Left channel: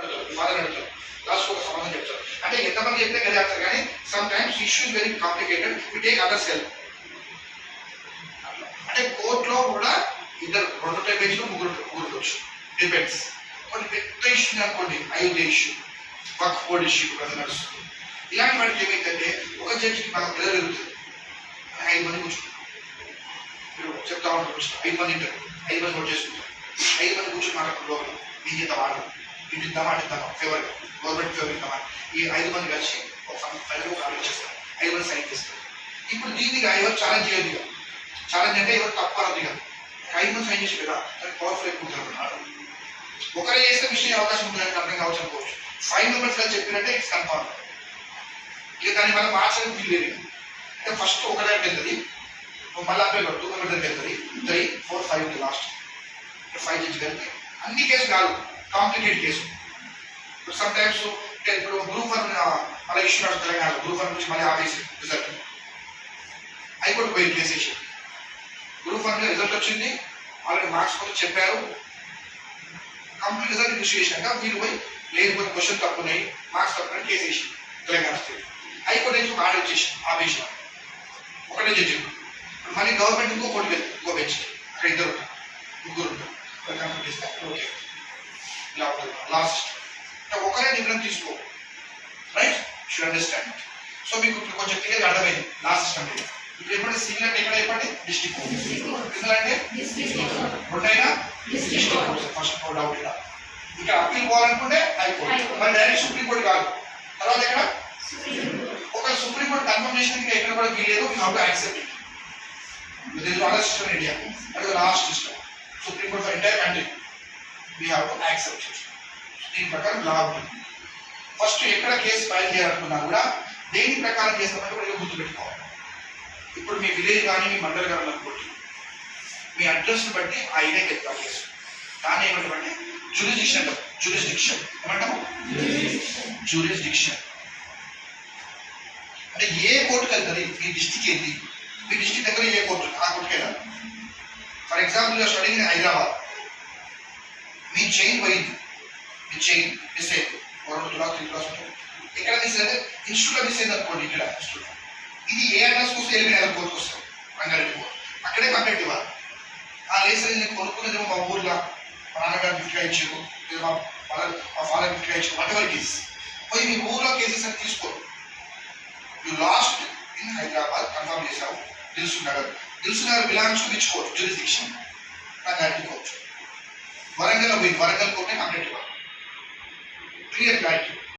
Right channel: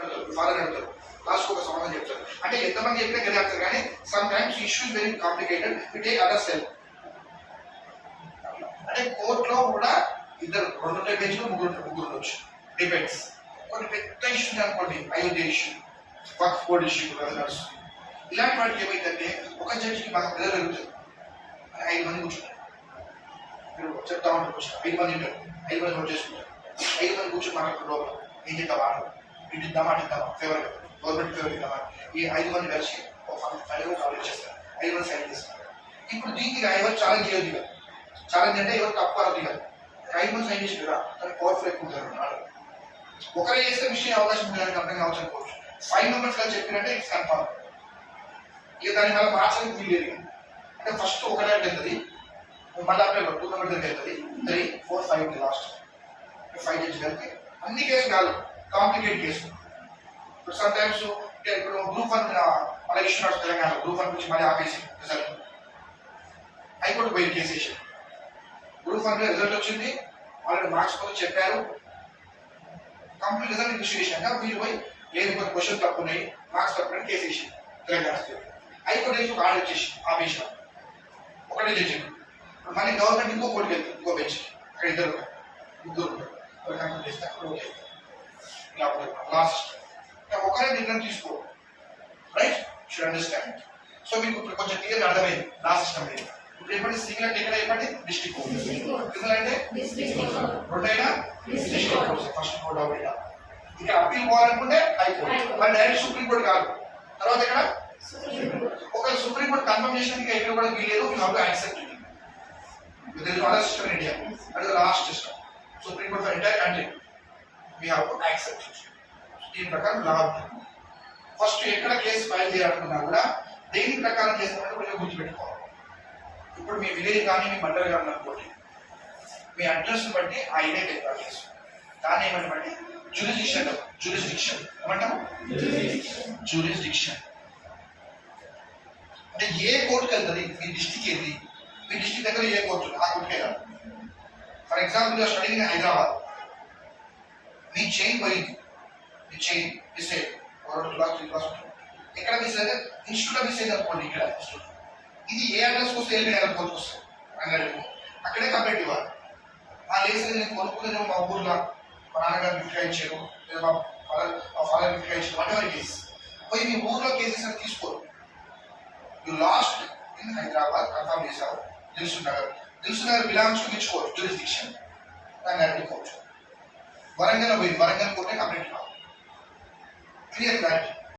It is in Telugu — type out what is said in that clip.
ఫాదర్ అడుగుతారు, లాస్ట్ ఒక సమాధానం చెప్తారు. అంటే ఎంతమంది చెప్పినా గది ఆన్సర్, కానీ sometimes issues very complicated, we take others help. అంటే కోర్టులో కూడా ఇద్దరు 2 పేజీలు ముగ్గురు ఉండొచ్చు, డిపెండ్స్. కొన్ని పెద్ద ఇష్యూ అనుకోండి, అయోధ్య ఇష్యూ, వక్ఫ్ బోర్డ్ ఇష్యూ కదా నడుస్తుంది. ఇలాంటి వాటికి ఏమైందంటే ఒక జడ్జికి బాగా పిల్లలు పెరుగుతుంది, 5 మంది కూర్చుంటారు, మీరు చెప్తా ఉంటారు కూర్చుంటారు, 5 మంది ఉంటారు, 5 మంది నోట్ చేసుకుంటారు, 5 మంది కూర్చొని మాట్లాడుతున్న లోపల ఏం చేద్దాం ఆడు ఇద్దామా అడిద్దామా ఫేవర్గా గవర్నమెంట్ ఫేవర్ ఇద్దామా, ఈ 5 మంది కలిసి ఒక ఫైల్గా ఒక ఆర్డర్ చేస్తారు, 5 మంది సైన్ చేస్తారు. ఇప్పుడు దీనికి ఎవరు ఛాలెంజ్ చేయొద్దు, ఇక ఛాలెంజ్ అంటే ఎవరు తప్పు అనొద్దు, ఇక 5 మంది సైన్ చేసి కదా దానికి పవర్ఫుల్ ఎక్కువ ఉంటుంది ఆర్డర్. ఒకరే చేస్తే మిస్టేక్ అవకాశం ఉంటుంది, దానికి అర్థం కావచ్చు అనుకోవచ్చు. 5 మెంబర్స్ కలిసి చెప్పినట్టే ఇట్స్ కన్ఫర్మ్. ఇక దాన్ని మళ్ళీ మార్చడానికి వీలు లేదు. అంటే ఫస్ట్ ఒక దగ్గరికి వెళ్తుంది, మళ్ళీ అప్పుడు 2 మెంబర్స్ దగ్గరికి వెళ్తుంది, 3, 4, 5 లాస్ట్ 5 జడ్జి కలిపి అన్ని కేసు కాదు, కాంప్లికేట్ కేసు. సమ్ టైమ్స్ ఇప్పుడు గ్రూప్ 1 మన ఇష్యూ నడుస్తుంది తెలంగాణ, గ్రూప్ 1 నుంచి మళ్ళీ ఆపేసి రిజల్ట్ హైకోర్టు పోయి కేసు వేసి, గ్రూప్ 1 రిజల్ట్ వచ్చింది, ఆల్రెడీ మార్క్స్ కోసం చెప్పారు, కంప్లీట్ రిజల్ట్ ఇష్యూ చేశాక వీళ్ళు పోయి లేదు కొన్ని క్వశ్చన్ తప్పున్నాయి, మార్క్స్ తప్పున్నాయి కేసు వేసి తెలంగాణ స్టేట్ హైకోర్టు నుంచి ఒక ఆర్డర్ ఇచ్చేసి ఆపేసిన ఒకటే జడ్జి. మళ్ళీ గవర్నమెంట్ ఇంకో కోర్టుకి వెళ్తుంది, ఇంకో బెంచ్, అక్కడ 2 ఉంటారు, 3 ఉంటారు, కంప్లీట్ చేస్తే ఓకే ఇలా లాస్ట్ ఒకరే నిర్ణయం తీసుకో, రైట్, షుడ్ అండర్స్టాండ్. సో మీకు ఇప్పుడు కొంచెం క్లియర్గా అర్థమైంది నా సిస్టమ్ లేదు. ఇప్పుడు చెప్పండి, సివిల్ అంటే ఇక్కడ చెప్పండి డిస్ట్రిక్ట్ కోర్ట్, క్రిమినల్ అంటే రెండైనా district court. First no doubt. ఇక్కడ అప్పీల్ పోవాలనుకుంటే హైకోర్టు, మరి డైరెక్ట్ సుప్రీంకోర్టు కాదు. తర్వాత ఇక్కడ ఒక సుప్రీంకోర్టు కన్ఫర్మ్ చేసినందుకు ఎక్కడ కూడా వీలేదు, you have to accept it. This is not a system in India, that is the last system. Supreme court for entire country we have to accept it. దీని ప్రకారం లా ఉంటుంది. ఫస్ట్ ఎక్కడ కేసు ఫైల్ చేయాలనుకున్నా కూడా దేని ప్రకారం చేస్తామని కూడా గుర్తుపెట్టుకోవాలి. ఇప్పుడు మీ విలేజ్ కానీ మీ మండలి కానీ అనుకోండి, మీ అడ్రస్ని బట్టి ఆ ఏరియాకి వెళ్తారు కేసు. దాన్ని ఏమంటామంటే జ్యూరిస్డిక్షన్ అంటాం. జ్యూరిస్డిక్షన్ ఏమంటాము? జ్యూరిస్డిక్షన్ అంటే ఏ కోర్టుకి వెళ్తుంది, మీ డిస్టిక్ ఏంటి, మీ డిస్టిక్ దగ్గర ఏ కోర్టు ఆ కోర్టుకి వెళ్ళాలి. For example study in Hyderabad, me chain పోయింది, మీ చైన్ మిస్ అయ్యింది, 2 క్లాస్ 3 క్లాస్ ఉంటుంది, ఎక్కడ మిస్ అయితే ఇన్స్టిట్యూట్లో మిస్ అయింది అనుకోండి, ఇక్కడ ఇన్స్టిట్యూట్ ఇది ఏ అడ్రస్కి వస్తే ఎల్బీ నగర్ కోర్టుకు వస్తుంది, రంగారెడ్డి కోర్టు, అక్కడే కంప్లైంట్ ఇవ్వాలి. లేదు నేను కొనుక్కునేదేమో మా ఊర్లో మా నాన్నగారు గిఫ్ట్గా ఇచ్చారు, లేదా మా ఫాదర్ గిఫ్ట్గా ఇచ్చారు, వాట్ ఎవర్ కేసు పోయి మీ ఊర్లో కేసెస్ అని తీసుకోరు. You lost in Hyderabad confirm చేశావు, Dilsukhnagar belongs to which court, jurisdiction Rangareddy court. Warangal పోయి వరంగల్ కోర్టే కంప్లైంట్ ఇవ్వాలి. Clear clarity.